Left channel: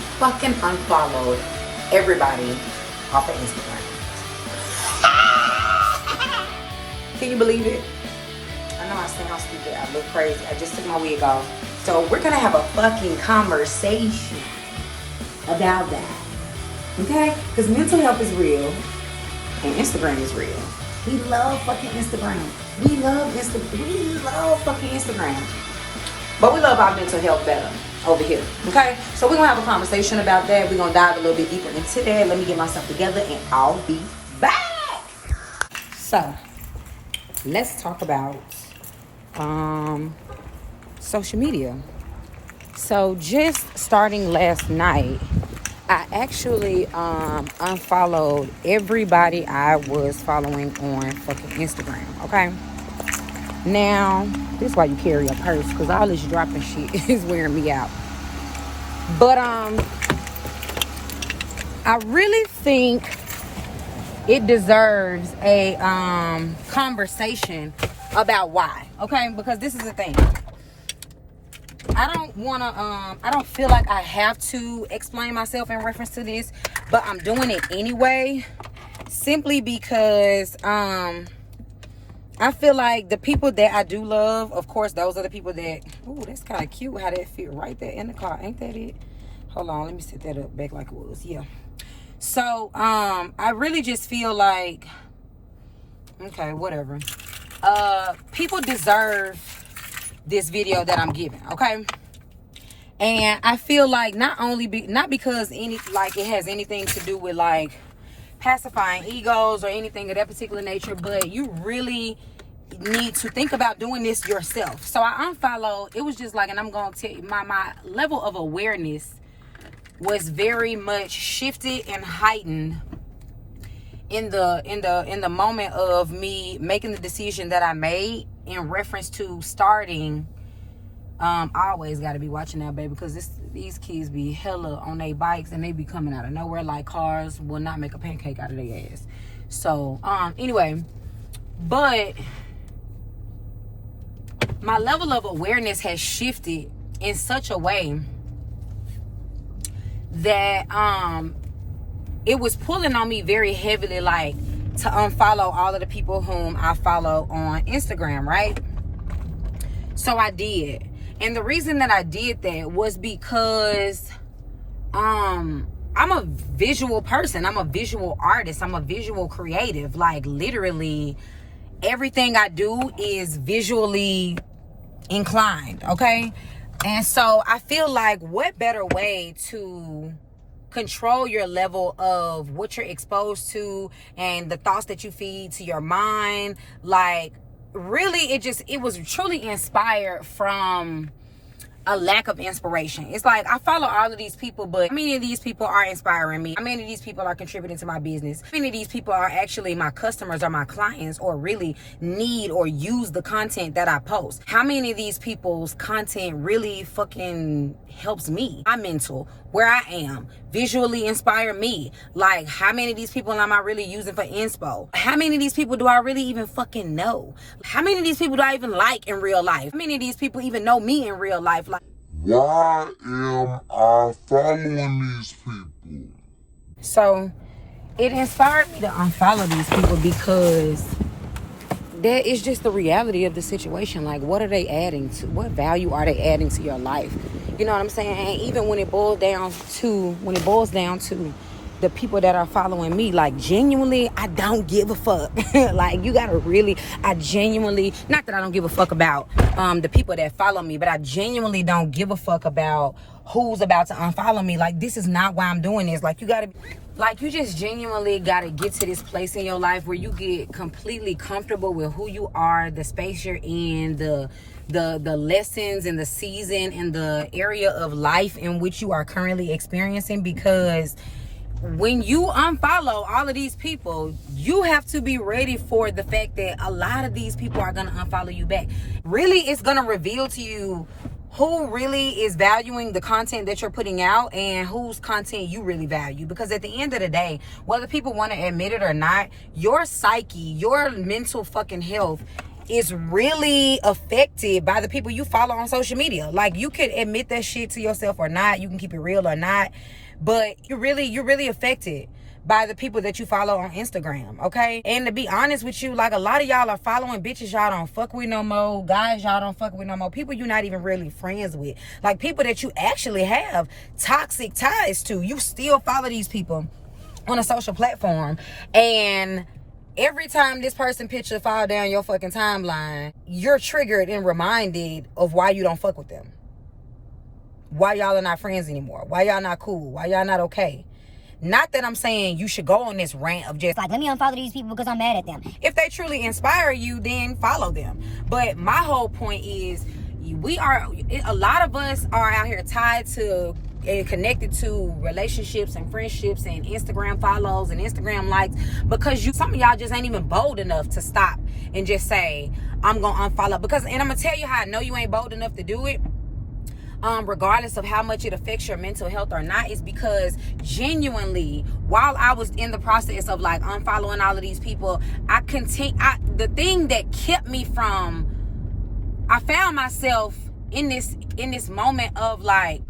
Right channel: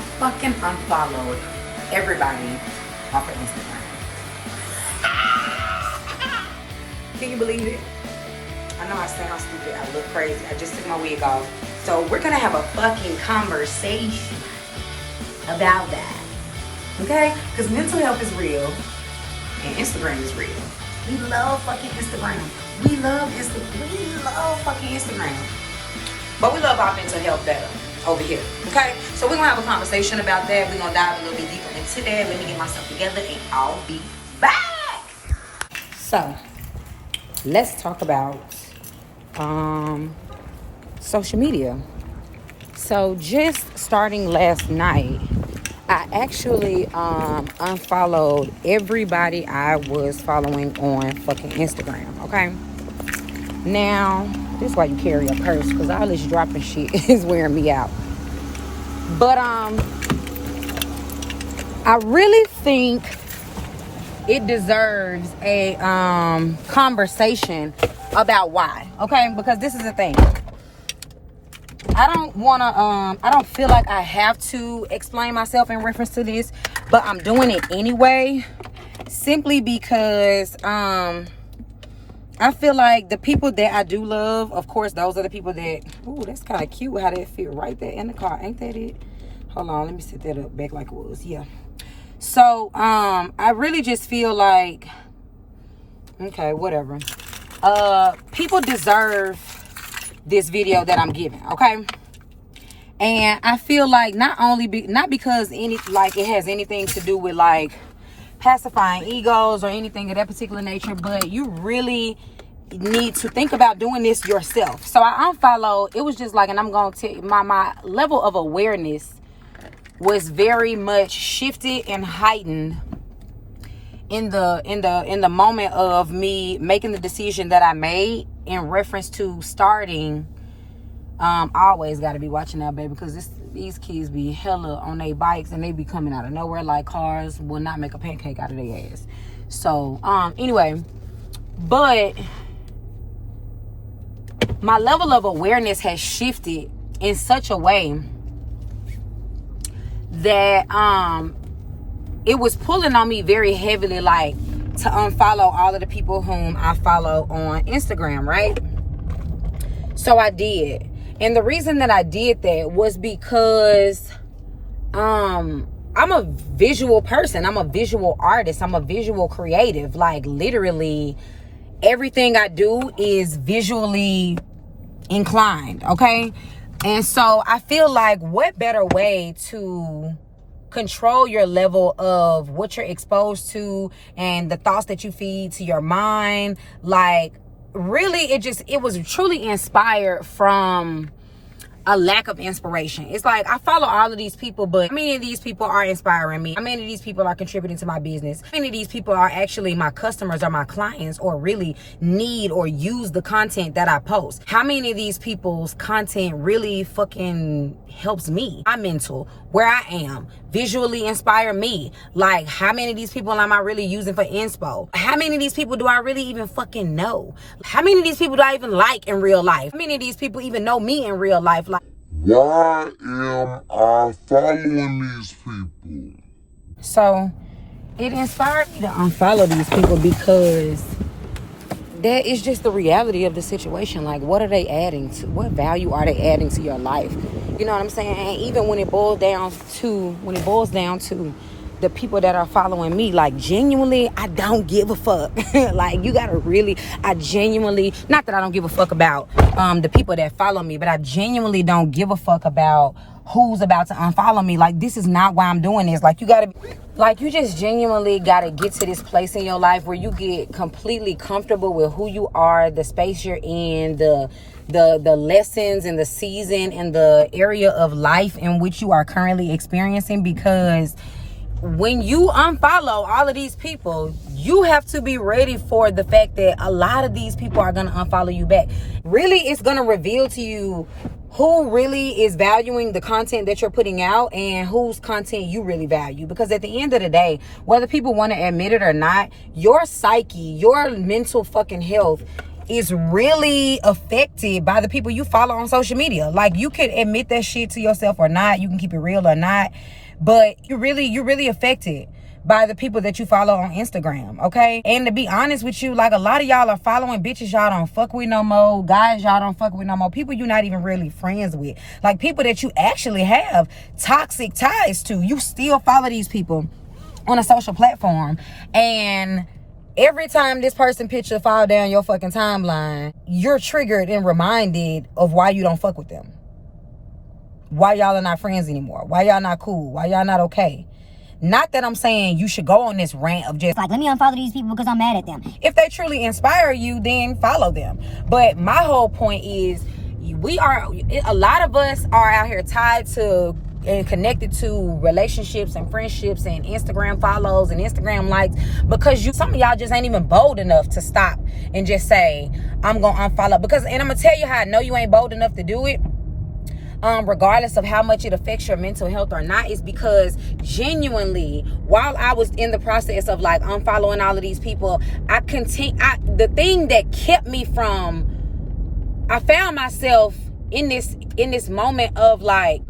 fucking unfollowed everybody off of Instagram. Can you believe it? I know I sound stupid. I look crazy. I just took my wig off. So we're gonna have a fucking conversation about that. Okay? Because mental health is real and Instagram is real. We love fucking Instagram. We love fucking Instagram. But we love our mental health better over here. Okay? So we're gonna have a conversation about that. We're gonna dive a little bit deeper into that. Let me get myself together and I'll be back. So let's talk about social media. So just starting last night, I actually unfollowed everybody I was following on fucking Instagram, okay? Now, this is why you carry a purse, because all this dropping shit is wearing me out. But I really think it deserves a conversation about why, okay? Because this is the thing. I don't feel like I have to explain myself in reference to this, but I'm doing it anyway, simply because I feel like the people that I do love, of course, those are the people that, ooh, that's kind of cute how that fit right there in the car. Ain't that it? Hold on, let me set that up back like it was. Yeah. So, I really just feel like, okay, whatever. People deserve this video that I'm giving, okay? And I feel like not because it has anything to do with like pacifying egos or anything of that particular nature, but you really need to think about doing this yourself. So I unfollowed. It was just like, and I'm gonna tell you, my level of awareness was very much shifted and heightened in the moment of me making the decision that I made in reference to starting. I always got to be watching that, baby, because these kids be hella on their bikes and they be coming out of nowhere like cars will not make a pancake out of their ass. So anyway, but my level of awareness has shifted in such a way that it was pulling on me very heavily, like to unfollow all of the people whom I follow on Instagram, right? So I did. And the reason that I did that was because I'm a visual person. I'm a visual artist. I'm a visual creative. Like literally everything I do is visually inclined, okay? And so I feel like what better way to control your level of what you're exposed to and the thoughts that you feed to your mind. Like really, it was truly inspired from a lack of inspiration. It's like I follow all of these people, but how many of these people are inspiring me? How many of these people are contributing to my business? How many of these people are actually my customers or my clients or really need or use the content that I post? How many of these people's content really fucking helps me, my mental, where I am, visually inspire me? Like, how many of these people am I really using for inspo? How many of these people do I really even fucking know? How many of these people do I even like in real life? How many of these people even know me in real life? Like, why am I following these people? So it inspired me to unfollow these people because that is just the reality of the situation. Like, what are they adding to? What value are they adding to your life? You know what I'm saying? And even when it boils down to the people that are following me, like genuinely, I don't give a fuck. Like, you gotta really, I genuinely, not that I don't give a fuck about the people that follow me, but I genuinely don't give a fuck about who's about to unfollow me. Like, this is not why I'm doing this. Like, you just genuinely gotta get to this place in your life where you get completely comfortable with who you are, the space you're in, the lessons and the season and the area of life in which you are currently experiencing. Because when you unfollow all of these people, you have to be ready for the fact that a lot of these people are going to unfollow you back. Really, it's going to reveal to you who really is valuing the content that you're putting out and whose content you really value. Because at the end of the day, whether people want to admit it or not, your psyche, your mental fucking health is really affected by the people you follow on social media. Like, you can admit that shit to yourself or not. You can keep it real or not. But you're really affected by the people that you follow on Instagram, okay? And to be honest with you, like, a lot of y'all are following bitches y'all don't fuck with no more, guys y'all don't fuck with no more, people you're not even really friends with, like people that you actually have toxic ties to. You still follow these people on a social platform, and every time this person picture fall down your fucking timeline, you're triggered and reminded of why you don't fuck with them, why y'all are not friends anymore, why y'all not cool, why y'all not okay. Not that I'm saying you should go on this rant of just like, let me unfollow these people because I'm mad at them. If they truly inspire you, then follow them. But my whole point is, a lot of us are out here tied to and connected to relationships and friendships and Instagram follows and Instagram likes because some of y'all just ain't even bold enough to stop and just say, I'm gonna unfollow. And I'm gonna tell you how I know you ain't bold enough to do it. Regardless of how much it affects your mental health or not, is because genuinely, while I was in the process of like unfollowing all of these people, the thing that kept me from, I found myself in this moment of like,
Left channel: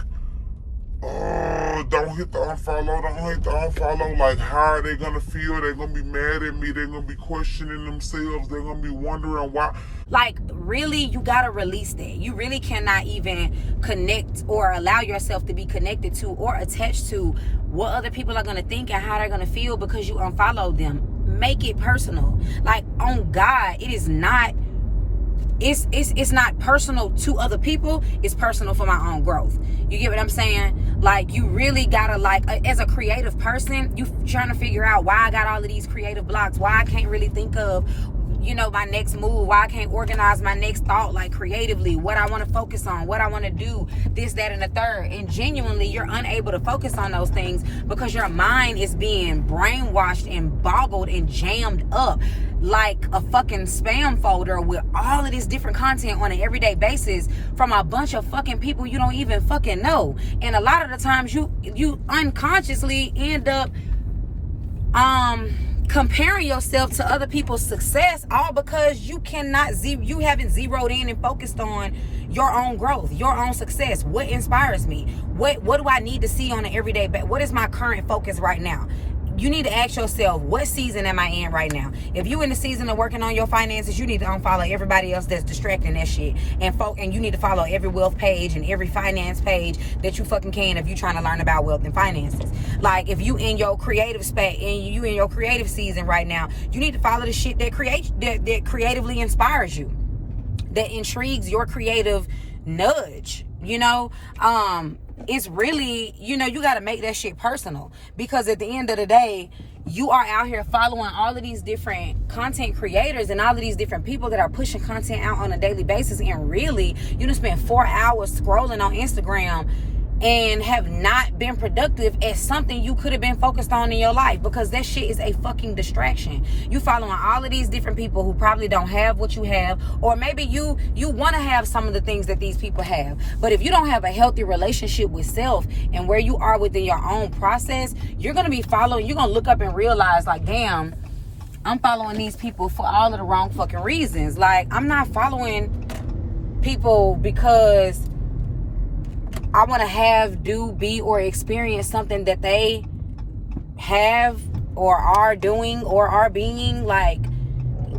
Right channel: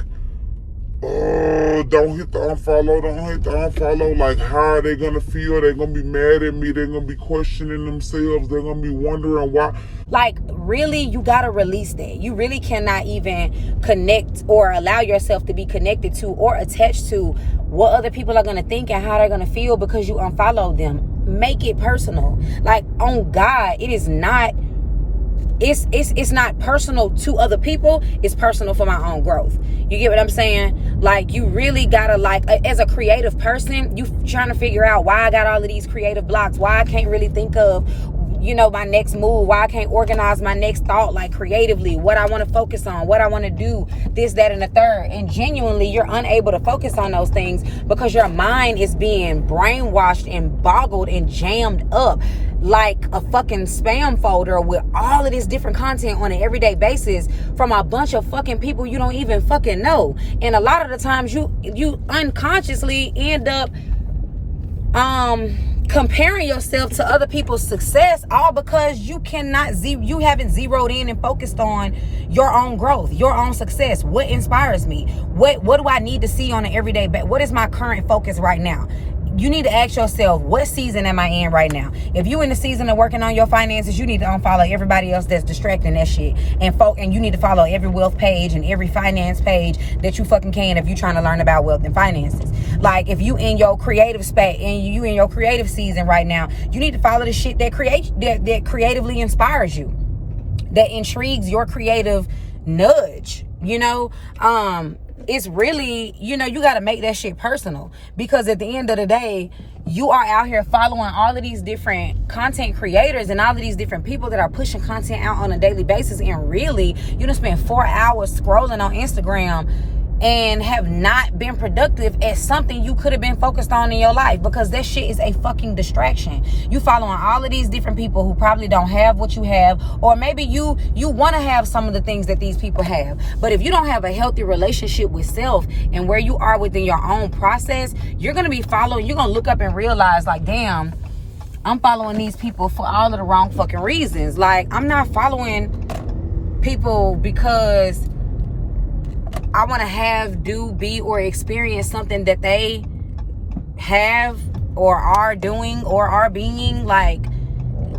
don't hit the unfollow. Like, how are they gonna feel? They're gonna be mad at me. They're gonna be questioning themselves. They're gonna be wondering why. Like, really, you gotta release that. You really cannot even connect or allow yourself to be connected to or attached to what other people are gonna think and how they're gonna feel because you unfollowed them. Make it personal. Like, on God, it is not. It's not personal to other people. It's personal for my own growth. You get what I'm saying? Like, you really gotta, like, as a creative person, you trying to figure out why I got all of these creative blocks, why I can't really think of, my next move, why I can't organize my next thought, like, creatively, what I want to focus on, what I want to do, this, that, and the third. And genuinely, you're unable to focus on those things because your mind is being brainwashed and boggled and jammed up like a fucking spam folder with all of this different content on an everyday basis from a bunch of fucking people you don't even fucking know. And a lot of the times you unconsciously end up comparing yourself to other people's success, all because you haven't zeroed in and focused on your own growth, your own success. What inspires me? What do I need to see on an everyday basis? What is my current focus right now? You need to ask yourself, what season am I in right now? If you're in the season of working on your finances, you need to unfollow everybody else that's distracting that shit. And you need to follow every wealth page and every finance page that you fucking can if you're trying to learn about wealth and finances. Like, if you in your creative space and you in your creative season right now, you need to follow the shit that creatively inspires you, that intrigues your creative nudge. It's really, you got to make that shit personal, because at the end of the day, you are out here following all of these different content creators and all of these different people that are pushing content out on a daily basis. And really, you done spend 4 hours scrolling on Instagram and have not been productive at something you could have been focused on in your life, because that shit is a fucking distraction. You following all of these different people who probably don't have what you have, or maybe you want to have some of the things that these people have. But if you don't have a healthy relationship with self and where you are within your own process, you're going to be following, you're going to look up and realize, like, damn, I'm following these people for all of the wrong fucking reasons. Like, I'm not following people because I want to have, do, be, or experience something that they have or are doing or are being. Like,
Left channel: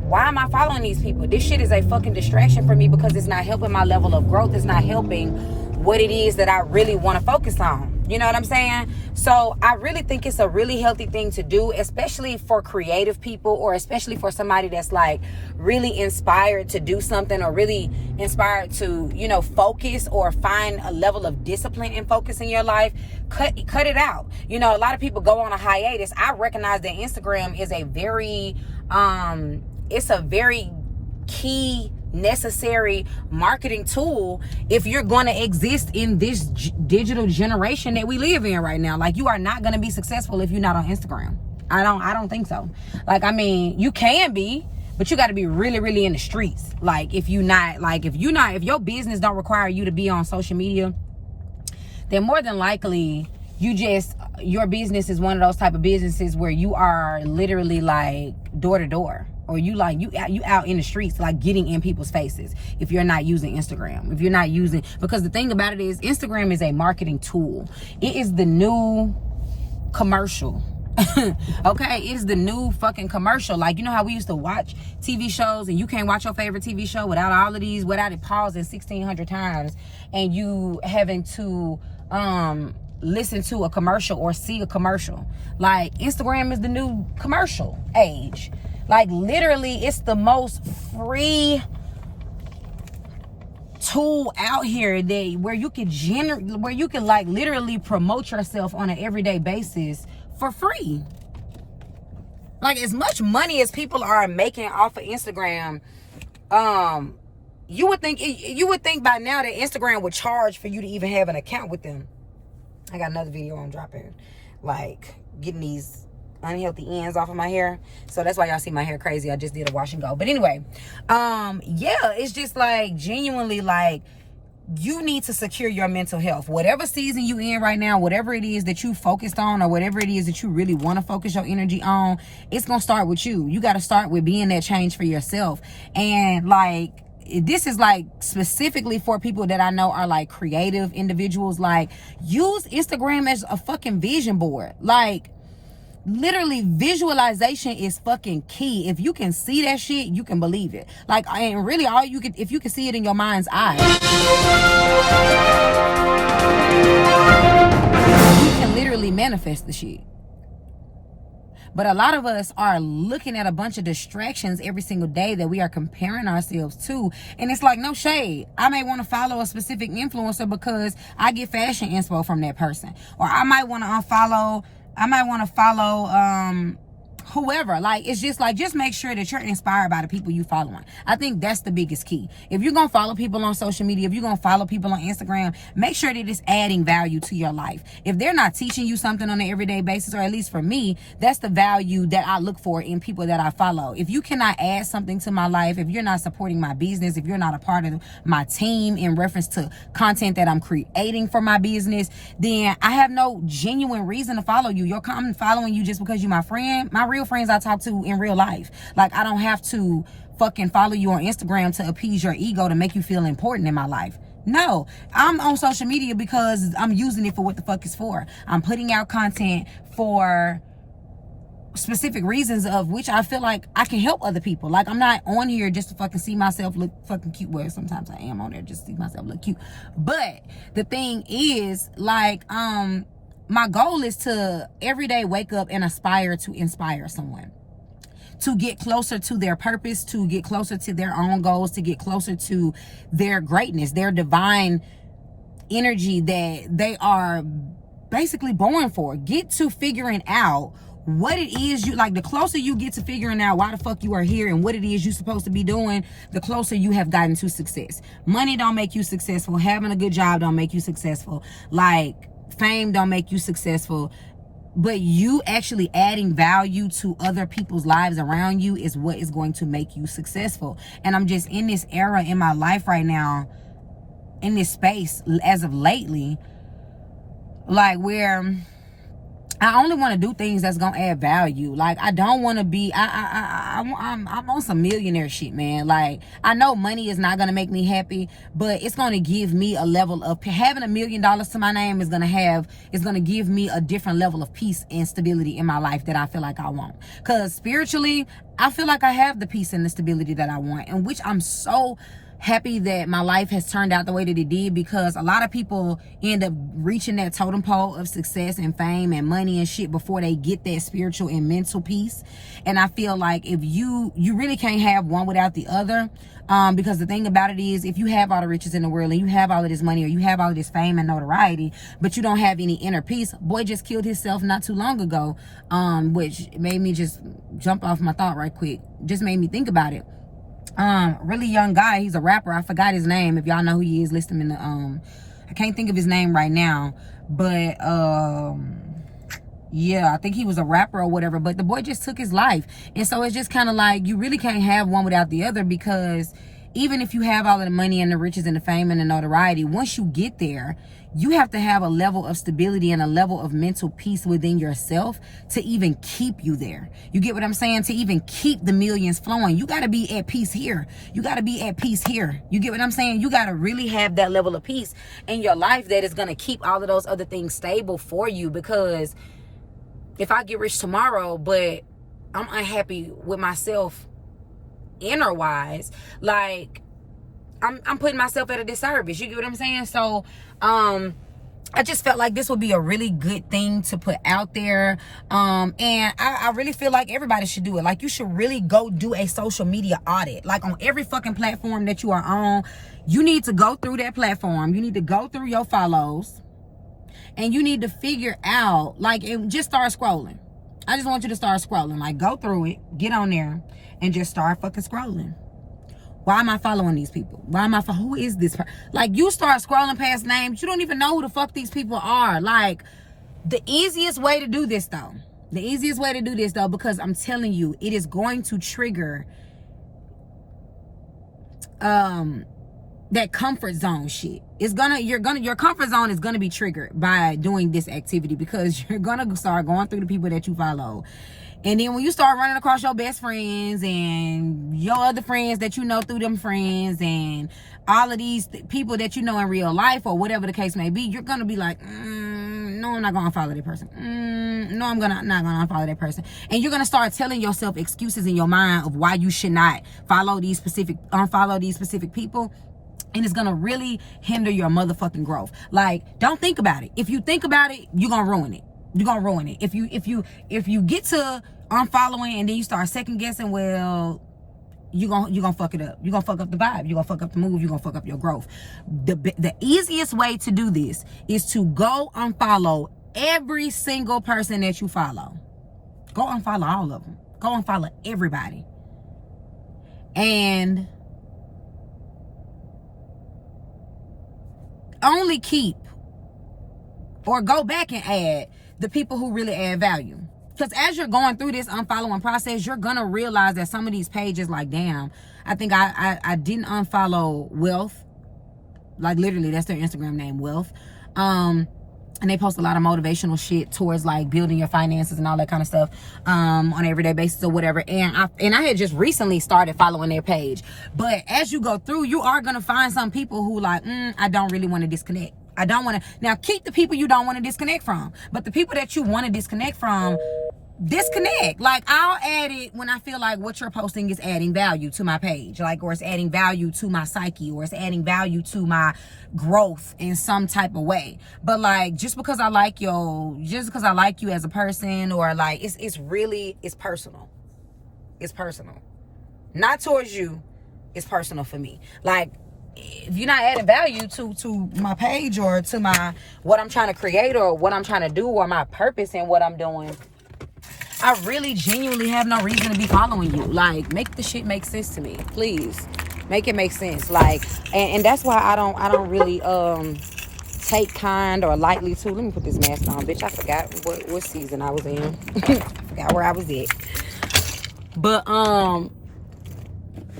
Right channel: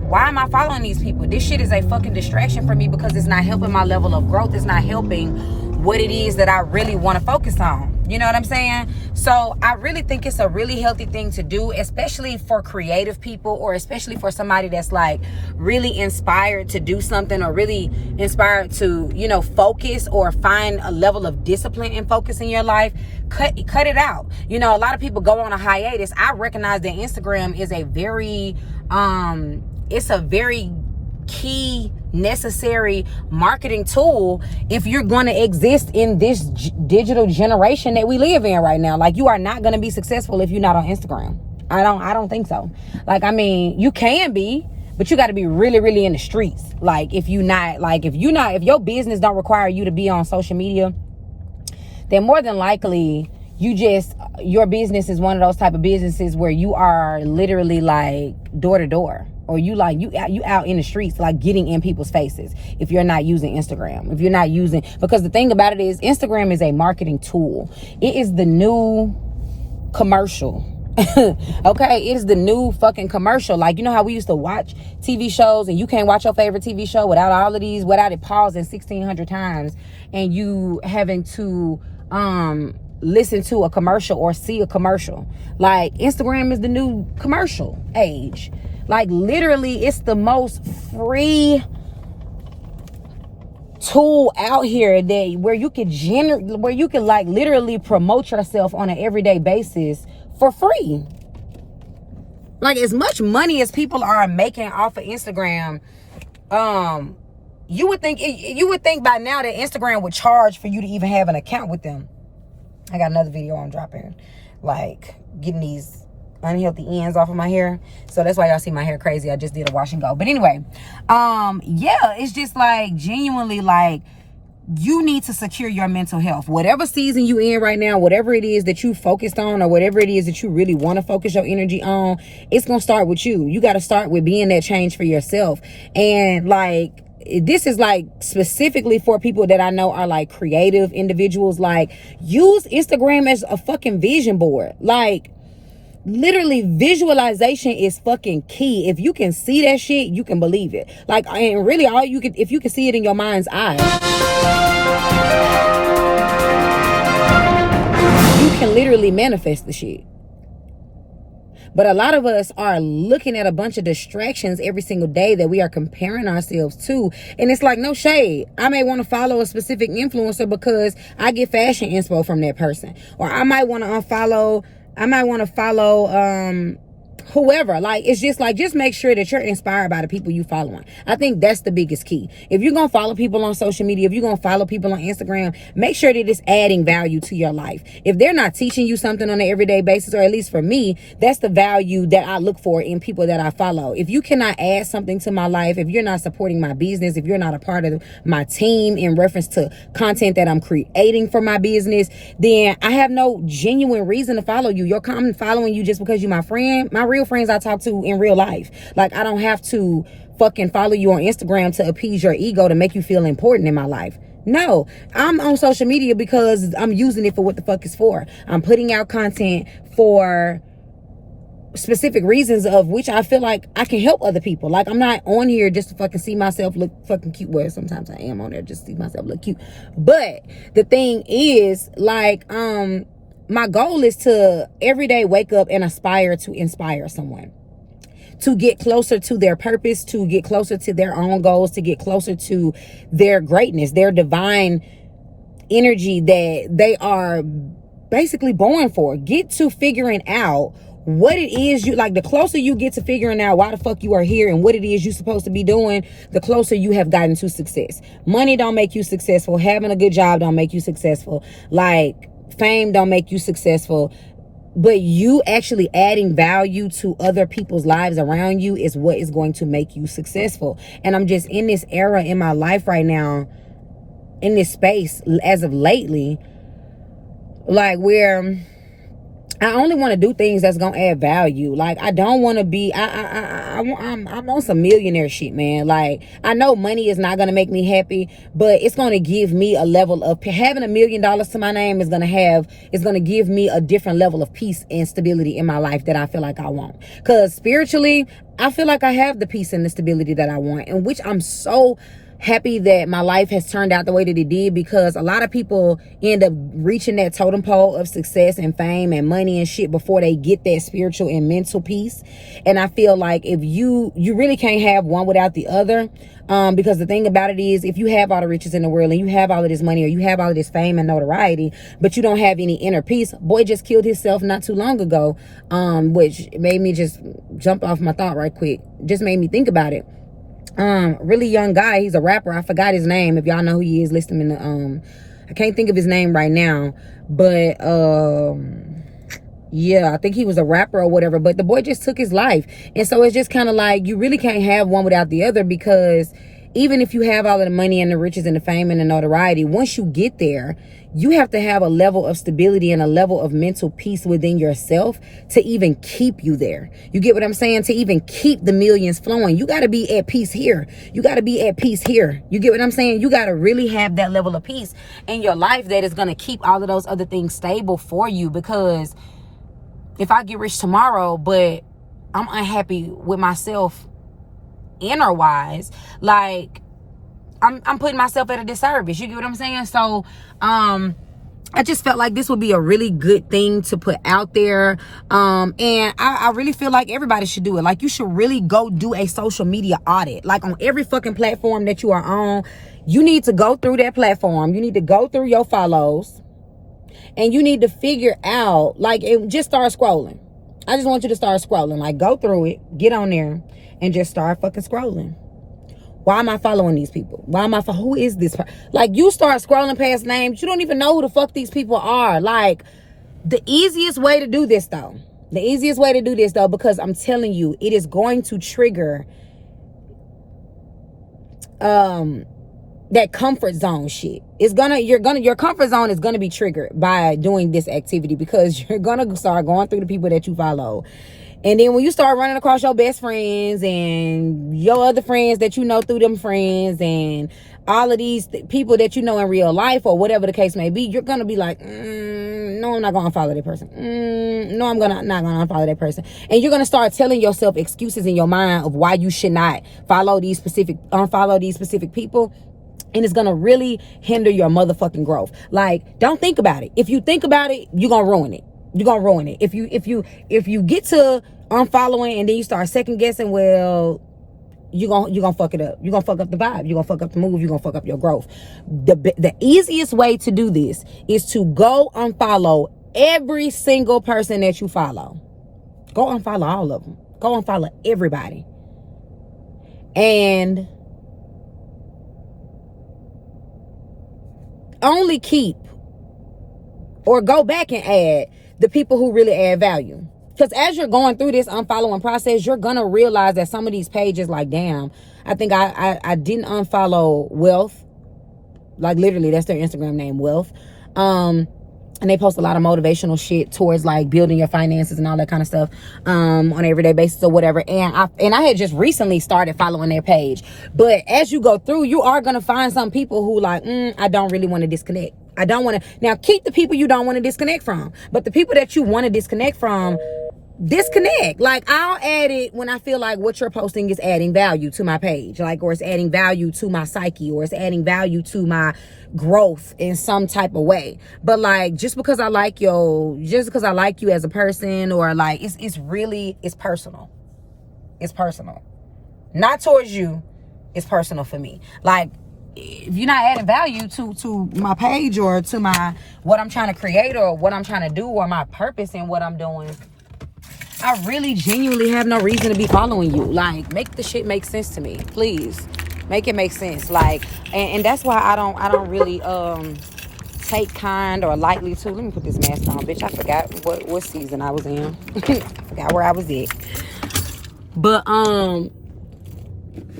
why am I following these people? This shit is a fucking distraction for me because it's not helping my level of growth. It's not helping what it is that I really want to focus on. You know what I'm saying? So I really think it's a really healthy thing to do, especially for creative people, or especially for somebody that's like really inspired to do something, or really inspired to, focus or find a level of discipline and focus in your life. Cut it out. A lot of people go on a hiatus. I recognize that Instagram is a very, it's a very key, necessary marketing tool if you're going to exist in this digital generation that we live in right now. Like, you are not going to be successful if you're not on Instagram. I don't think so. Like, I mean, you can be, but you got to be really, really in the streets. Like, if your business don't require you to be on social media, then more than likely your business is one of those type of businesses where you are literally like door to door, or you out in the streets, like getting in people's faces, if you're not using Instagram, if you're not using, because the thing about it is Instagram is a marketing tool. It is the new commercial. Okay, it is the new fucking commercial. Like, you know how we used to watch TV shows and you can't watch your favorite TV show without it pausing 1,600 times and you having to listen to a commercial or see a commercial. Like, Instagram is the new commercial age. Like, literally, it's the most free tool out here where you can like literally promote yourself on an everyday basis for free. Like, as much money as people are making off of Instagram, you would think by now that Instagram would charge for you to even have an account with them. I got another video I'm dropping, like getting these unhealthy ends off of my hair, so that's why y'all see my hair crazy. I just did a wash and go. But anyway, yeah, it's just like genuinely, like, you need to secure your mental health. Whatever season you in right now, whatever it is that you focused on, or whatever it is that you really want to focus your energy on, it's gonna start with you. You got to start with being that change for yourself. And like, this is like specifically for people that I know are like creative individuals. Like, use Instagram as a fucking vision board. Like, literally, visualization is fucking key. If you can see that shit, you can believe it. Like, and really, if you can see it in your mind's eye, you can literally manifest the shit. But a lot of us are looking at a bunch of distractions every single day that we are comparing ourselves to. And it's like, no shade. I may want to follow a specific influencer because I get fashion inspo from that person. Or I might want to follow whoever. Like, it's just like, just make sure that you're inspired by the people you following. I think that's the biggest key. If you're gonna follow people on social media, if you're gonna follow people on Instagram, make sure that it's adding value to your life. If they're not teaching you something on an everyday basis, or at least for me, that's the value that I look for in people that I follow. If you cannot add something to my life, if you're not supporting my business, if you're not a part of my team in reference to content that I'm creating for my business, then I have no genuine reason to follow you. I'm following you just because you're my friend. My real friends I talk to in real life. Like, I don't have to fucking follow you on Instagram to appease your ego, to make you feel important in my life. No, I'm on social media because I'm using it for what the fuck it's for. I'm putting out content for specific reasons of which I feel like I can help other people. Like, I'm not on here just to fucking see myself look fucking cute. Well, sometimes I am on there just to see myself look cute. But the thing is, like, my goal is to every day wake up and aspire to inspire someone to get closer to their purpose, to get closer to their own goals, to get closer to their greatness, their divine energy that they are basically born for. Get to figuring out what it is you like. The closer you get to figuring out why the fuck you are here and what it is you're supposed to be doing, the closer you have gotten to success. Money don't make you successful. Having a good job don't make you successful. Like, fame don't make you successful. But you actually adding value to other people's lives around you is what is going to make you successful. And I'm just in this era in my life right now, in this space as of lately, like, where I only want to do things that's gonna add value. Like, I don't want to be. I'm on some millionaire shit, man. Like, I know money is not gonna make me happy, but it's gonna give me a level of having $1 million to my name is gonna give me a different level of peace and stability in my life that I feel like I want. Cause spiritually, I feel like I have the peace and the stability that I want, in which I'm so happy that my life has turned out the way that it did, because a lot of people end up reaching that totem pole of success and fame and money and shit before they get that spiritual and mental peace. And I feel like if you really can't have one without the other, because the thing about it is, if you have all the riches in the world and you have all of this money or you have all of this fame and notoriety, but you don't have any inner peace. Boy just killed himself not too long ago, which made me just jump off my thought right quick. Just made me think about it. Really young guy. He's a rapper. I forgot his name. If y'all know who he is, list him in the I can't think of his name right now, but yeah, I think he was a rapper or whatever, but the boy just took his life. And so it's just kind of like, you really can't have one without the other, because even if you have all of the money and the riches and the fame and the notoriety, once you get there, you have to have a level of stability and a level of mental peace within yourself to even keep you there. You get what I'm saying? To even keep the millions flowing, you got to be at peace here. You got to be at peace here. You get what I'm saying? You got to really have that level of peace in your life that is going to keep all of those other things stable for you. Because if I get rich tomorrow, but I'm unhappy with myself inner wise, like I'm putting myself at a disservice. You get what I'm saying? So I just felt like this would be a really good thing to put out there. And I really feel like everybody should do it. Like, you should really go do a social media audit. Like, on every fucking platform that you are on, you need to go through that platform. You need to go through your follows. And you need to figure out, like, just start scrolling. I just want you to start scrolling. Like, go through it, get on there, and just start fucking scrolling. Why am I following these people? Who is this? Like, you start scrolling past names. You don't even know who the fuck these people are. Like, the easiest way to do this, though, because I'm telling you, it is going to trigger that comfort zone shit. Your comfort zone is gonna be triggered by doing this activity, because you're gonna start going through the people that you follow. And then when you start running across your best friends and your other friends that you know through them friends and all of these people that you know in real life or whatever the case may be, you're going to be like, no, I'm not going to unfollow that person. No, I'm not going to unfollow that person. And you're going to start telling yourself excuses in your mind of why you should not unfollow these specific people. And it's going to really hinder your motherfucking growth. Like, don't think about it. If you think about it, you're going to ruin it. You're gonna ruin it. If you get to unfollowing and then you start second guessing, well, you're gonna fuck it up. You're gonna fuck up the vibe. You're gonna fuck up the move. You're gonna fuck up your growth. The easiest way to do this is to go unfollow every single person that you follow. Go unfollow all of them. Go unfollow everybody. And only keep or go back and add the people who really add value. Because as you're going through this unfollowing process, you're gonna realize that some of these pages, like, damn, I think I didn't unfollow Wealth. Like, literally, that's their Instagram name, Wealth. And they post a lot of motivational shit towards, like, building your finances and all that kind of stuff on an everyday basis or whatever. And I had just recently started following their page. But as you go through, you are gonna find some people who, like, I don't really want to disconnect. I don't want to. Now, keep the people you don't want to disconnect from. But the people that you want to disconnect from, disconnect. Like, I'll add it when I feel like what you're posting is adding value to my page. Like, or it's adding value to my psyche, or it's adding value to my growth in some type of way. But, like, just because I like you as a person, or, like, it's personal. It's personal. Not towards you. It's personal for me. Like, if you're not adding value to my page or to my what I'm trying to create or what I'm trying to do or my purpose in what I'm doing, I really genuinely have no reason to be following you. Like, make the shit make sense to me, please. Make it make sense. Like, and that's why I don't really take kind or lightly to. Let me put this mask on, bitch. I forgot what season I was in. I forgot where I was at. But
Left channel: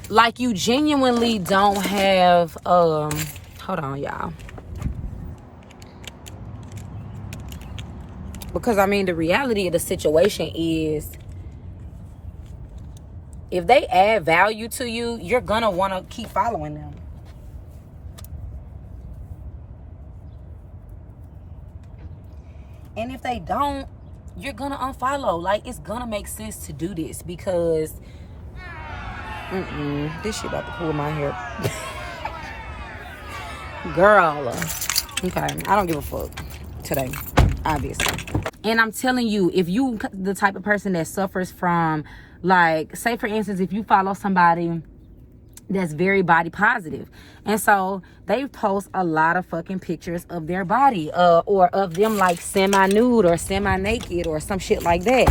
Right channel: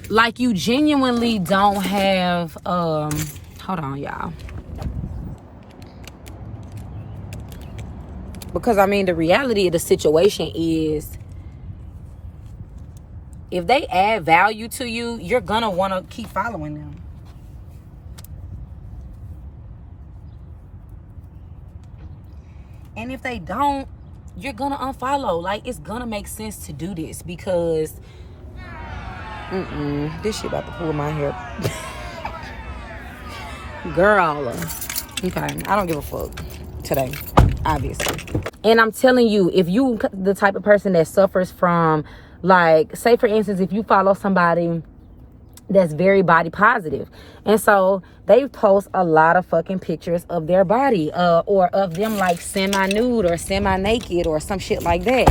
like, you genuinely don't have hold on, y'all. Because, I mean, the reality of the situation is, if they add value to you, you're gonna want to keep following them. And if they don't, you're gonna unfollow. Like, it's gonna make sense to do this, because this shit about to pull my hair. Girl. Okay, I don't give a fuck today, obviously. And I'm telling you, if you the type of person that suffers from, like, say for instance, if you follow somebody that's very body positive, and so they post a lot of fucking pictures of their body, or of them, like, semi-nude or semi-naked or some shit like that,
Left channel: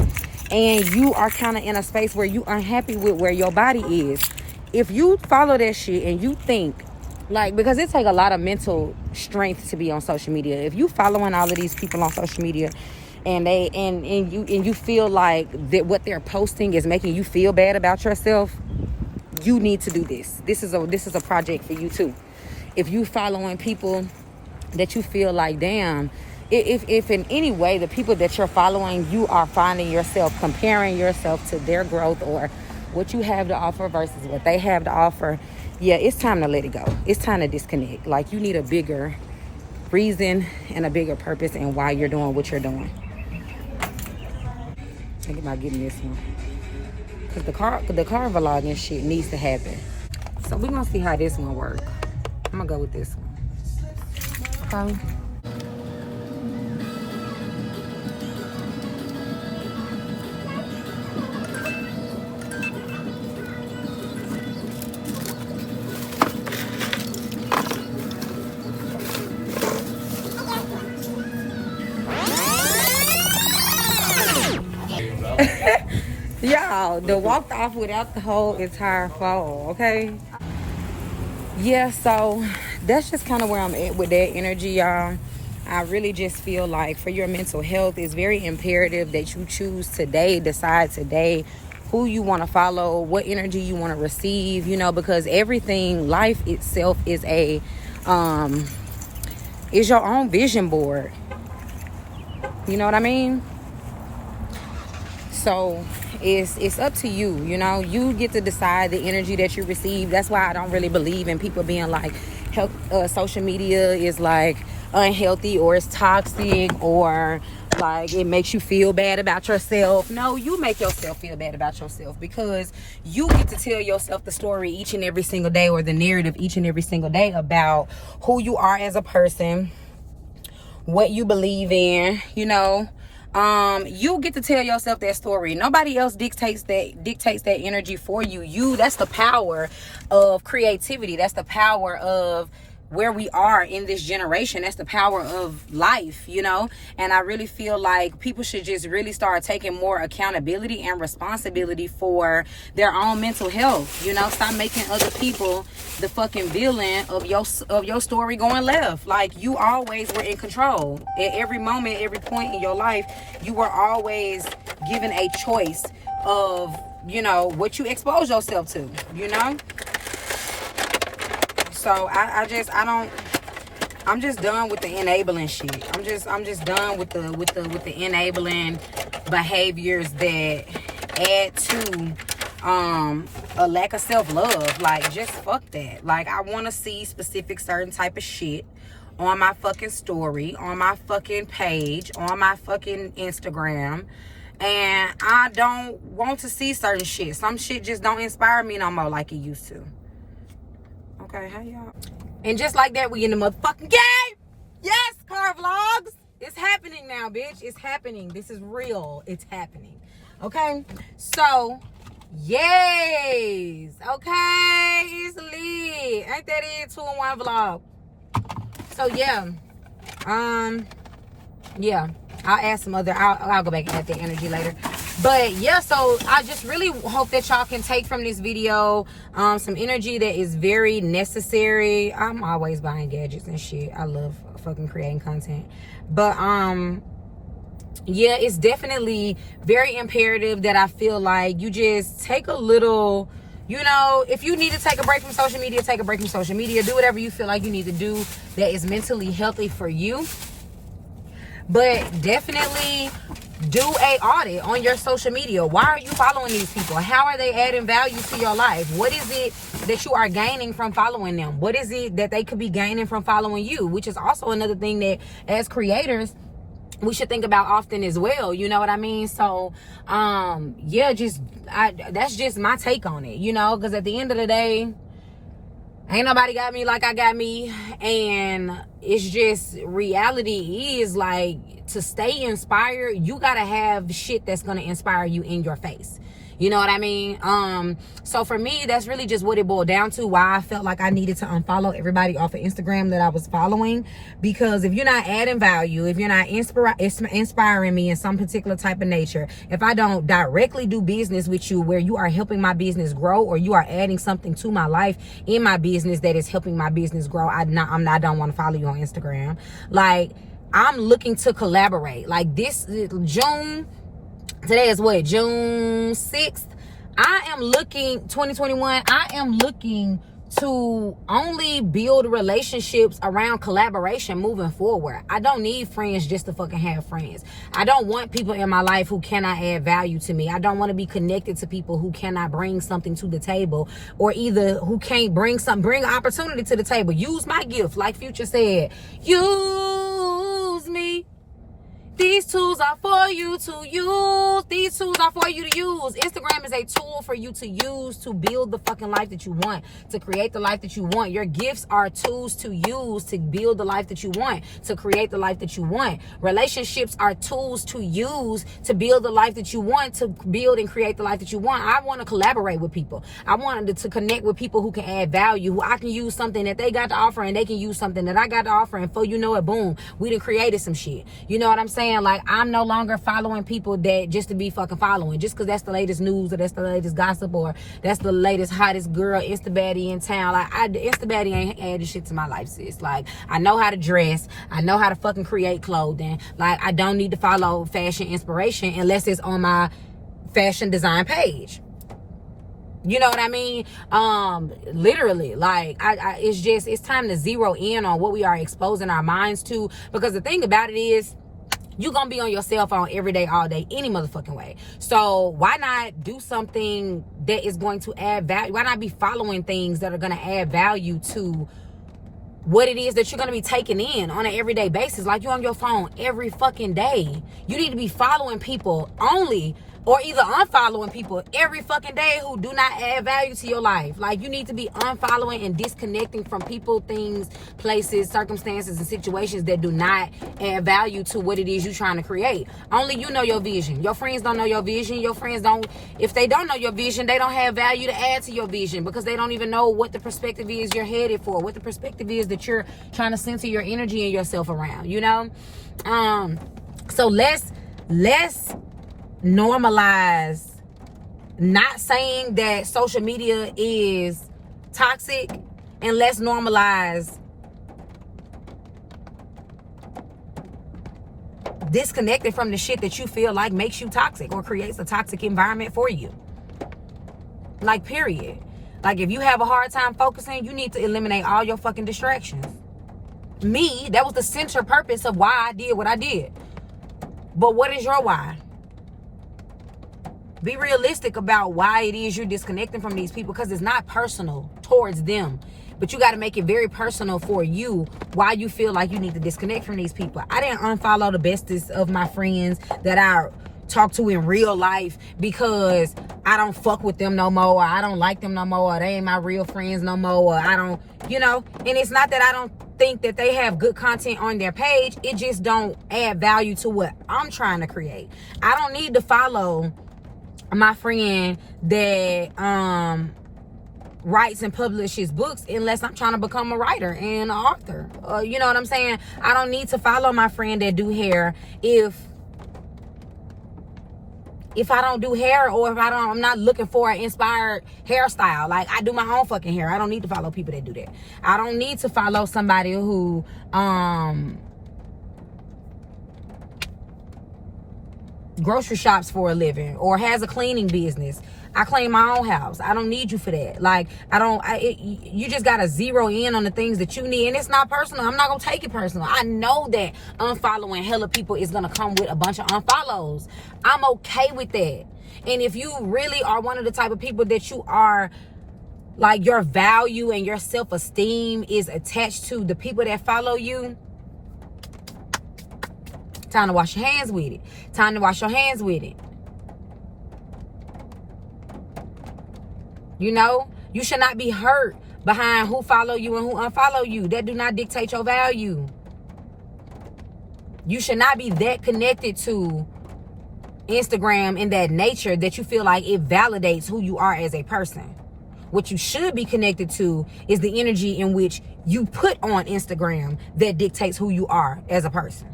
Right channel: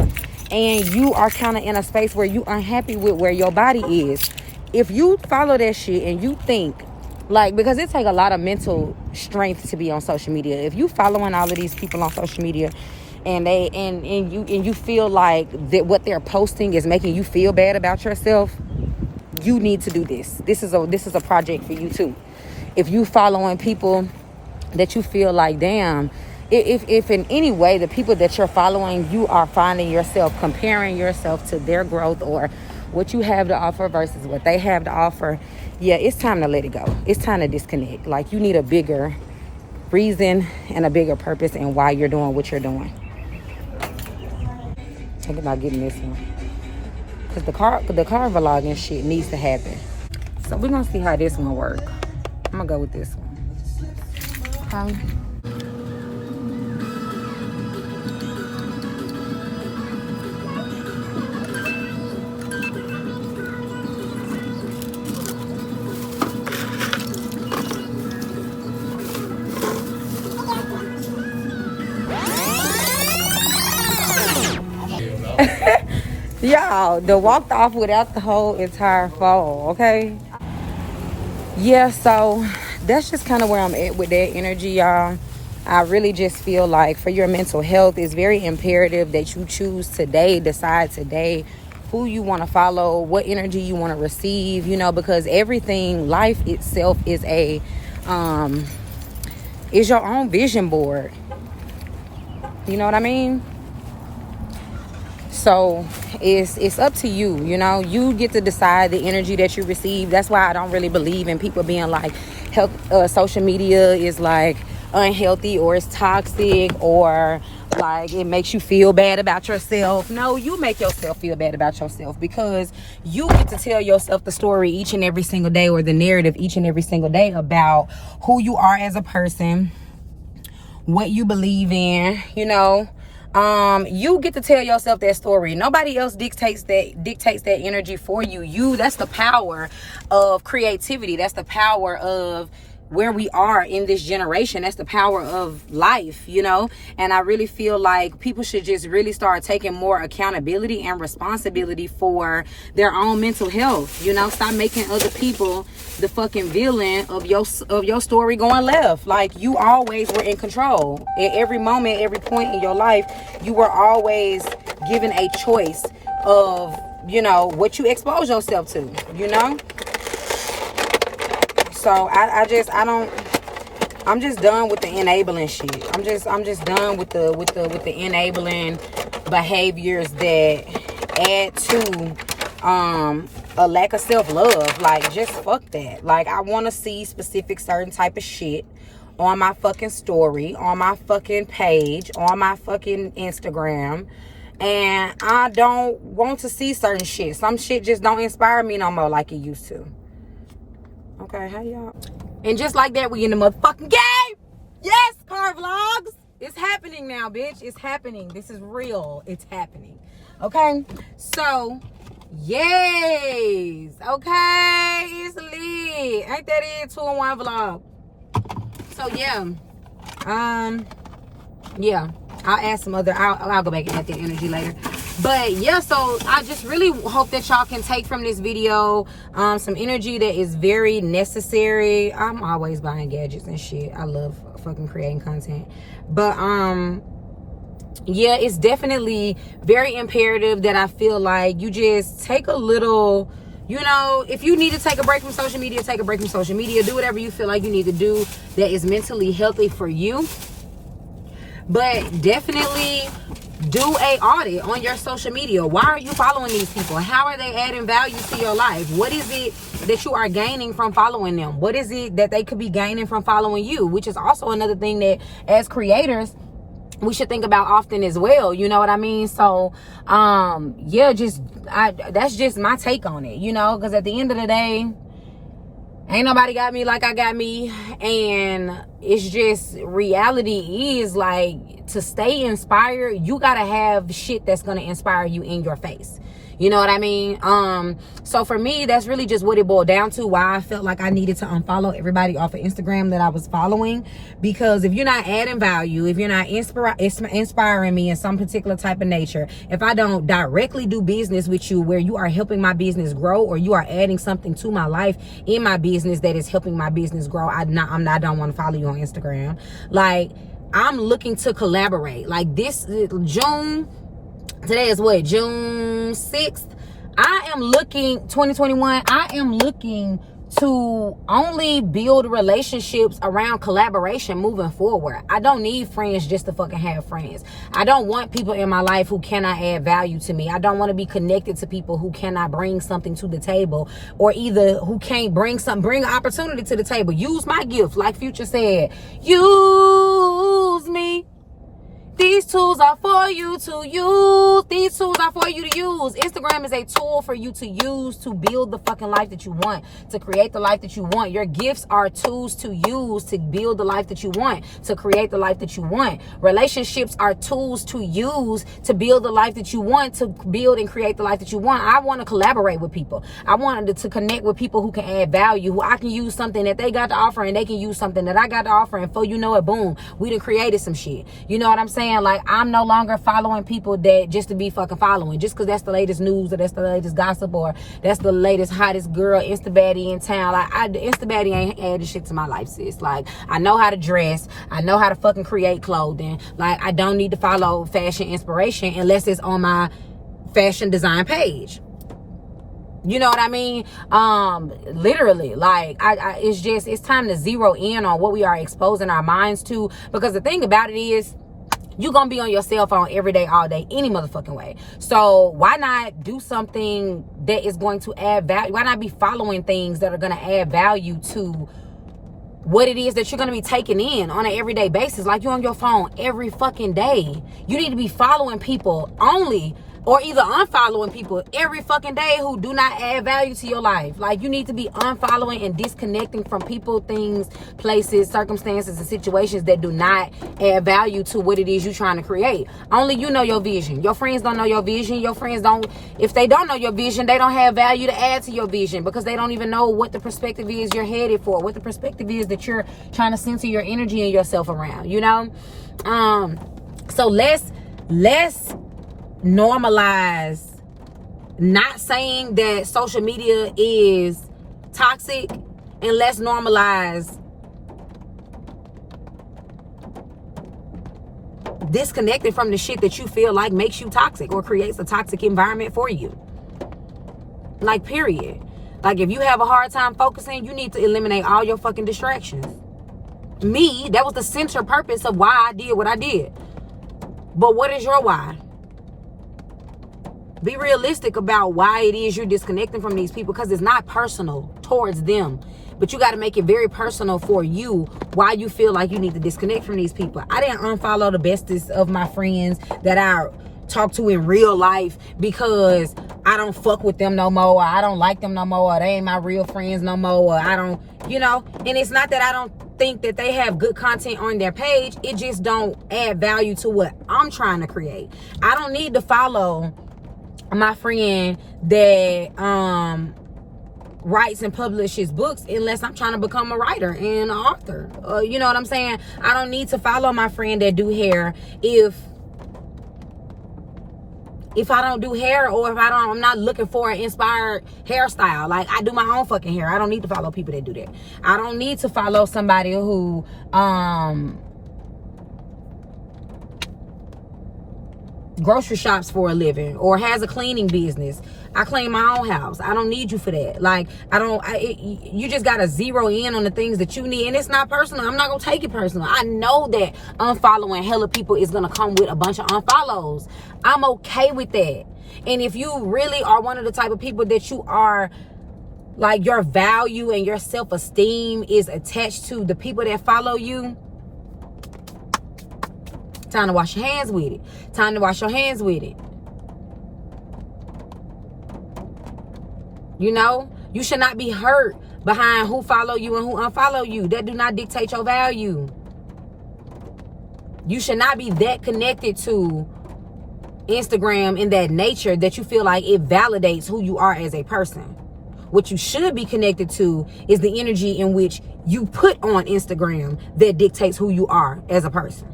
and you are kind of in a space where you unhappy with where your body is, if you follow that shit and you think, like, because it take a lot of mental strength to be on social media. If you following all of these people on social media and you feel like that what they're posting is making you feel bad about yourself, you need to do this. This is a project for you too. If you following people that you feel like, damn, if in any way the people that you're following, you are finding yourself comparing yourself to their growth or what you have to offer versus what they have to offer, yeah, it's time to let it go. It's time to disconnect. Like, you need a bigger reason and a bigger purpose in why you're doing what you're doing. Think about getting this one, because the car vlogging shit needs to happen. So we're gonna see how this one work. I'm gonna go with this one. Okay. Y'all, the walked off without the whole entire phone, okay? Yeah, so that's just kind of where I'm at with that energy, y'all. I really just feel like for your mental health, it's very imperative that you choose today, decide today who you want to follow, what energy you want to receive, you know, because everything, life itself is is your own vision board. You know what I mean? So it's up to you, you know. You get to decide the energy that you receive. That's why I don't really believe in people being like, social media is like unhealthy or it's toxic or like it makes you feel bad about yourself. No, you make yourself feel bad about yourself, because you get to tell yourself the story each and every single day, or the narrative each and every single day about who you are as a person, what you believe in, you know. You get to tell yourself that story. Nobody else dictates that energy for you. That's the power of creativity. That's the power of where we are in this generation. That's the power of life, you know. And I really feel like people should just really start taking more accountability and responsibility for their own mental health, you know. Stop making other people the fucking villain of your story going left. Like, you always were in control. At every moment, every point in your life, you were always given a choice of, you know, what you expose yourself to, you know. So I'm just done with the enabling shit. I'm just done with the enabling behaviors that add to a lack of self-love. Like, just fuck that. Like, I want to see specific certain type of shit on my fucking story, on my fucking page, on my fucking Instagram. And I don't want to see certain shit. Some shit just don't inspire me no more like it used to. Okay, how y'all? And just like that, we in the motherfucking game. Yes, car vlogs. It's happening now, bitch. It's happening. This is real. It's happening. Okay, so yes. Okay, it's lit. Ain't that it? 2-in-1 vlog. So yeah, yeah. I'll add some other. I'll go back and add the energy later. But yeah, so I just really hope that y'all can take from this video some energy that is very necessary. I'm always buying gadgets and shit. I love fucking creating content. But yeah, it's definitely very imperative that I feel like you just take a little, you know, if you need to take a break from social media, take a break from social media. Do whatever you feel like you need to do that is mentally healthy for you. But definitely do a audit on your social media. Why are you following these people? How are they adding value to your life? What is it that you are gaining from following them? What is it that they could be gaining from following you? Which is also another thing that as creators we should think about often as well. You know what I mean? So yeah, that's just my take on it, you know, because at the end of the day, ain't nobody got me like I got me. And it's just, reality is like, to stay inspired, you gotta have shit that's gonna inspire you in your face. You know what I mean? So for me, that's really just what it boiled down to, why I felt like I needed to unfollow everybody off of Instagram that I was following. Because if you're not adding value, if you're not inspiring me in some particular type of nature, if I don't directly do business with you where you are helping my business grow, or you are adding something to my life in my business that is helping my business grow, I don't want to follow you on Instagram. Like, I'm looking to collaborate. Like, this June, today is what, June 6th? I am looking, 2021, I am looking to only build relationships around collaboration moving forward. I don't need friends just to fucking have friends. I don't want people in my life who cannot add value to me. I don't want to be connected to people who cannot bring something to the table, or either who can't bring an opportunity to the table. Use my gift, like Future said. Use me. These tools are for you to use. These tools are for you to use. Instagram is a tool for you to use to build the fucking life that you want, to create the life that you want. Your gifts are tools to use to build the life that you want, to create the life that you want. Relationships are tools to use to build the life that you want, to build and create the life that you want. I want to collaborate with people. I wanted to connect with people who can add value, who I can use something that they got to offer and they can use something that I got to offer. And before you know it, boom, we done created some shit. You know what I'm saying? Like, I'm no longer following people that just to be fucking following, just because that's the latest news, or that's the latest gossip, or that's the latest hottest girl Insta-baddie in town. Like, Insta-baddie ain't added shit to my life, sis. Like, I know how to dress. I know how to fucking create clothing. Like, I don't need to follow fashion inspiration unless it's on my fashion design page. You know what I mean? Literally, like, it's time to zero in on what we are exposing our minds to, because the thing about it is, you're gonna be on your cell phone every day, all day, any motherfucking way. So why not do something that is going to add value? Why not be following things that are gonna add value to what it is that you're gonna be taking in on an everyday basis? Like, you're on your phone every fucking day. You need to be following people only, or either unfollowing people every fucking day who do not add value to your life. Like, you need to be unfollowing and disconnecting from people, things, places, circumstances, and situations that do not add value to what it is you're trying to create. Only you know your vision. Your friends don't know your vision. Your friends don't, if they don't know your vision, they don't have value to add to your vision, because they don't even know what the perspective is you're headed for, what the perspective is that you're trying to center your energy and yourself around, you know? So let's normalize not saying that social media is toxic, and let's normalize disconnecting from the shit that you feel like makes you toxic or creates a toxic environment for you. Like, period. Like, if you have a hard time focusing, you need to eliminate all your fucking distractions. Me, that was the center purpose of why I did what I did. But what is your why? Be realistic about why it is you're disconnecting from these people, because it's not personal towards them. But you got to make it very personal for you why you feel like you need to disconnect from these people. I didn't unfollow the bestest of my friends that I talk to in real life because I don't fuck with them no more, or I don't like them no more, or they ain't my real friends no more, or I don't, you know. And it's not that I don't think that they have good content on their page. It just don't add value to what I'm trying to create. I don't need to follow my friend that writes and publishes books unless I'm trying to become a writer and an author. You know what I'm saying? I don't need to follow my friend that do hair if I don't do hair, or if I'm not looking for an inspired hairstyle. Like, I do my own fucking hair. I don't need to follow people that do that. I don't need to follow somebody who grocery shops for a living or has a cleaning business. I clean my own house. I don't need you for that. Like, you just gotta zero in on the things that you need. And it's not personal. I'm not gonna take it personal. I know that unfollowing hella people is gonna come with a bunch of unfollows. I'm okay with that. And if you really are one of the type of people that you are, like, your value and your self-esteem is attached to the people that follow you, time to wash your hands with it. Time to wash your hands with it. You know, you should not be hurt behind who follow you and who unfollow you. That do not dictate your value. You should not be that connected to Instagram in that nature that you feel like it validates who you are as a person. What you should be connected to is the energy in which you put on Instagram that dictates who you are as a person.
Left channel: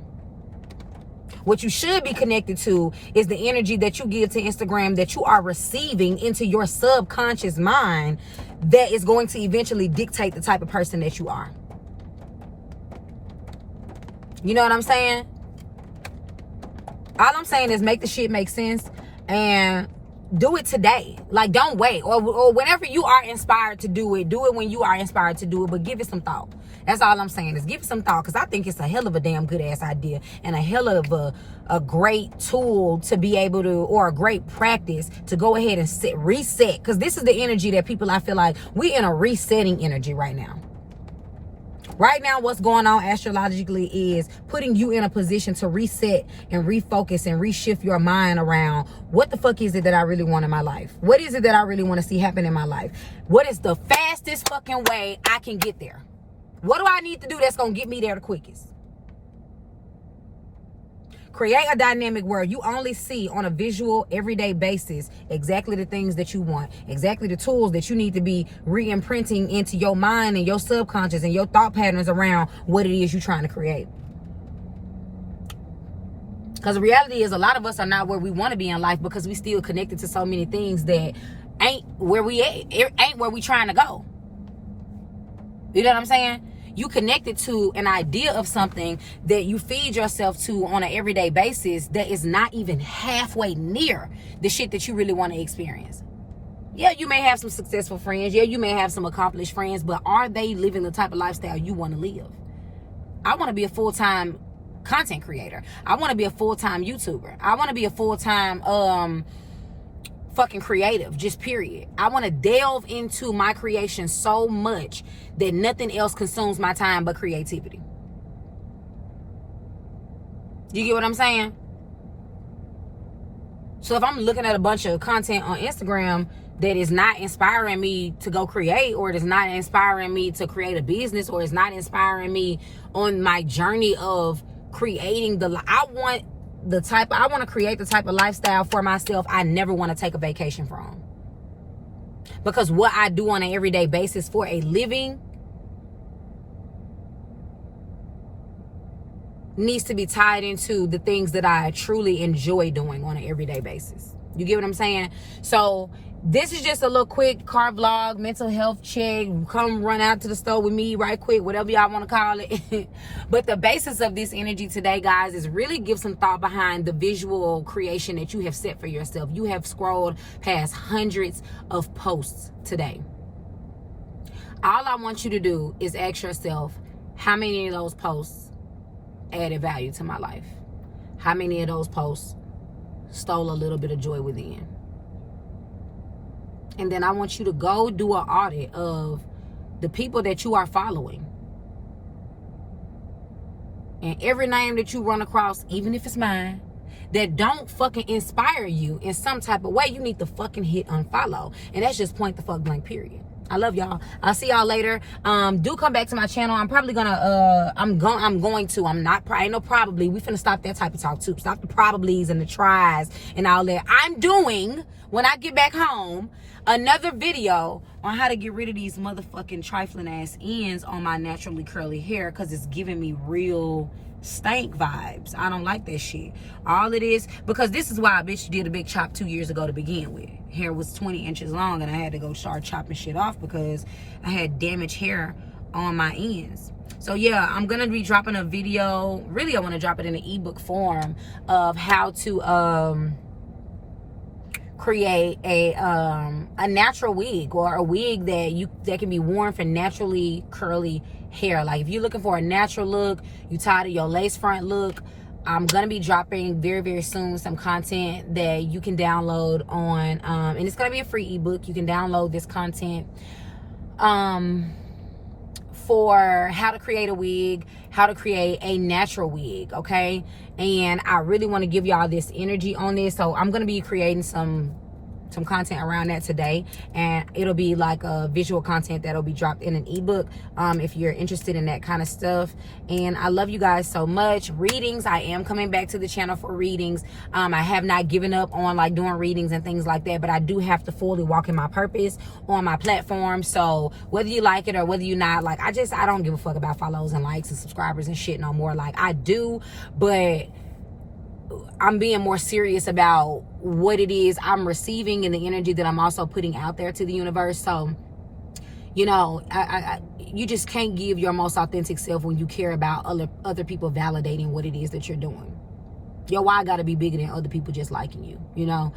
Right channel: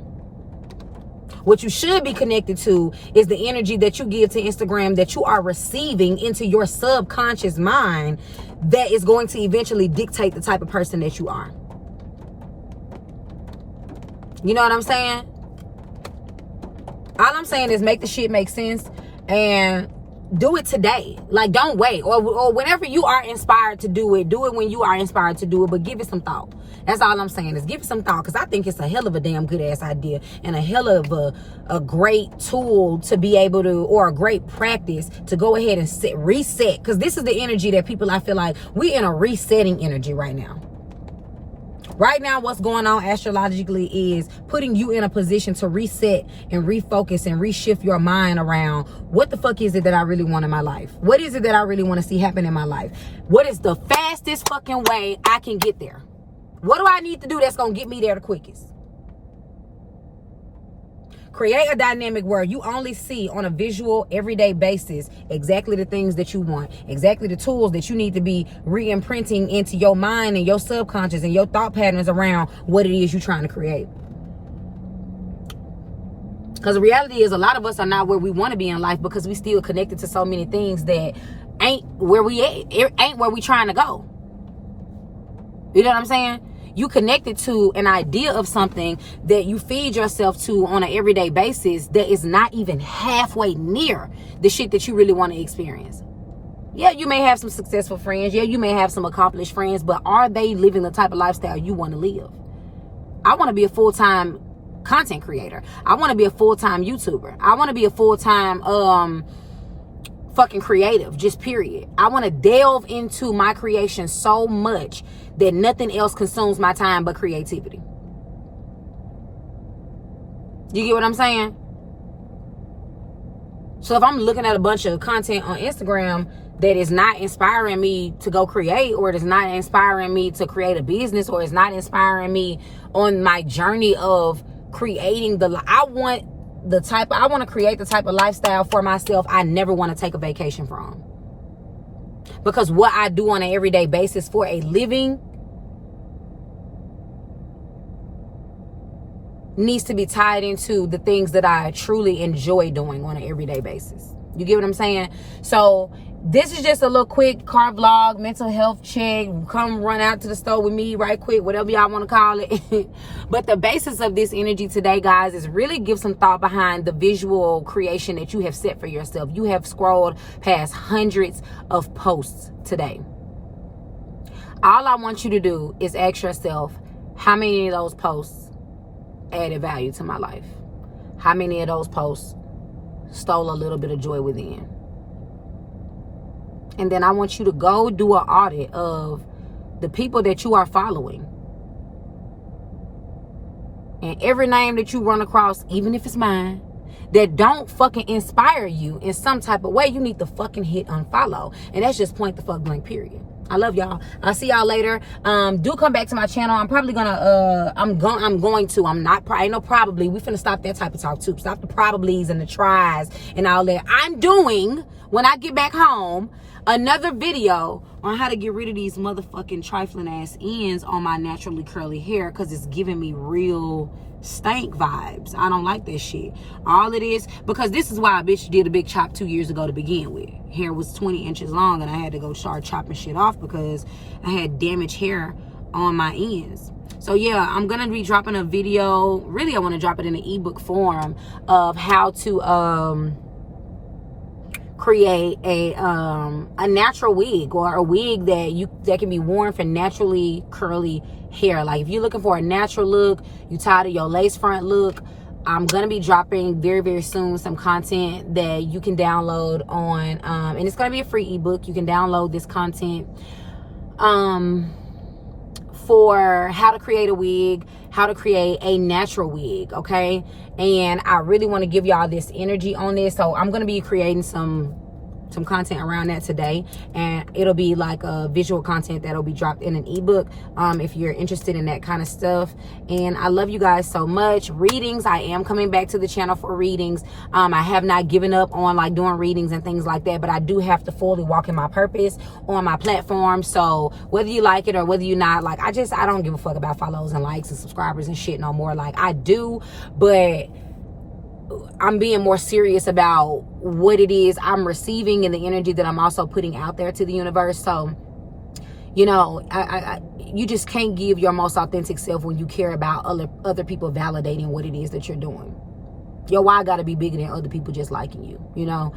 What you should be connected to is the energy that you give to Instagram that you are receiving into your subconscious mind that is going to eventually dictate the type of person that you are. You know what I'm saying? All I'm saying is make the shit make sense. And do it today. Like, don't wait. Or whenever you are inspired to do it when you are inspired to do it, but give it some thought. That's all I'm saying, is give it some thought, because I think it's a hell of a damn good ass idea, and a hell of a great tool to be able to, or a great practice to go ahead and reset. Because this is the energy that people, I feel like we're in a resetting energy right now. Right now, what's going on astrologically is putting you in a position to reset and refocus and reshift your mind around, what the fuck is it that I really want in my life? What is it that I really want to see happen in my life? What is the fastest fucking way I can get there? What do I need to do that's going to get me there the quickest? Create a dynamic where you only see on a visual, everyday basis exactly the things that you want, exactly the tools that you need to be re-imprinting into your mind and your subconscious and your thought patterns around what it is you're trying to create. Because the reality is, a lot of us are not where we want to be in life because we still connected to so many things that ain't where we trying to go. You know what I'm saying? You connected to an idea of something that you feed yourself to on an everyday basis that is not even halfway near the shit that you really want to experience. Yeah, you may have some successful friends. Yeah, you may have some accomplished friends, but are they living the type of lifestyle you want to live? I want to be a full-time content creator. I want to be a full-time YouTuber. I want to be a full-time fucking creative, just period. I want to delve into my creation so much that nothing else consumes my time but creativity. You get what I'm saying? So if I'm looking at a bunch of content on Instagram that is not inspiring me to go create, or it is not inspiring me to create a business, or it's not inspiring me on my journey of creating I want to create the type of lifestyle for myself I never want to take a vacation from. Because what I do on an everyday basis for a living needs to be tied into the things that I truly enjoy doing on an everyday basis. You get what I'm saying? So this is just a little quick car vlog, mental health check. Come run out to the store with me right quick, whatever y'all want to call it. But the basis of this energy today, guys, is really give some thought behind the visual creation that you have set for yourself. You have scrolled past hundreds of posts today. All I want you to do is ask yourself, how many of those posts added value to my life? How many of those posts stole a little bit of joy within? And then I want you to go do an audit of the people that you are following. And every name that you run across, even if it's mine, that don't fucking inspire you in some type of way, you need to fucking hit unfollow. And that's just point the fuck blank, period. I love y'all. I'll see y'all later. Do come back to my channel. I'm probably gonna I'm going to. Ain't no probably. We finna stop that type of talk too. Stop the probablys and the tries and all that. I'm doing, when I get back home, another video on how to get rid of these motherfucking trifling ass ends on my naturally curly hair, because it's giving me real stank vibes. I don't like that shit. All it is, because this is why a bitch did a big chop 2 years ago to begin with. Hair was 20 inches long and I had to go start chopping shit off because I had damaged hair on my ends. So yeah, I'm gonna be dropping a video. Really, I want to drop it in an ebook form of how to create a natural wig, or a wig that can be worn for naturally curly hair. Like if you're looking for a natural look, you tired of your lace front look, I'm gonna be dropping very, very soon some content that you can download on and it's gonna be a free ebook. You can download this content for how to create a wig, how to create a natural wig, okay? And I really want to give y'all this energy on this, so I'm gonna be creating some content around that today, and it'll be like a visual content that'll be dropped in an ebook if you're interested in that kind of stuff. And I love you guys so much. Readings, I am coming back to the channel for readings. I have not given up on like doing readings and things like that, but I do have to fully walk in my purpose on my platform. So whether you like it or whether you not, like I don't give a fuck about follows and likes and subscribers and shit no more. Like I do, but I'm being more serious about what it is I'm receiving and the energy that I'm also putting out there to the universe. So, you know, you just can't give your most authentic self when you care about other people validating what it is that you're doing. Your why gotta be bigger than other people just liking you, you know?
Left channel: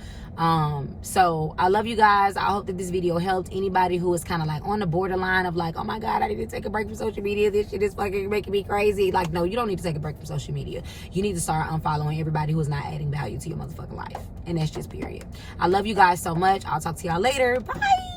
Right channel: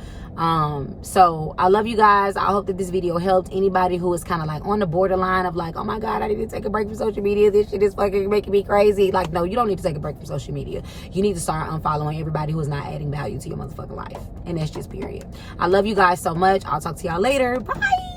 So I love you guys. I hope that this video helped anybody who is kind of like on the borderline of like, oh my God, I need to take a break from social media. This shit is fucking making me crazy. Like, no, you don't need to take a break from social media. You need to start unfollowing everybody who is not adding value to your motherfucking life. And that's just period. I love you guys so much. I'll talk to y'all later. Bye.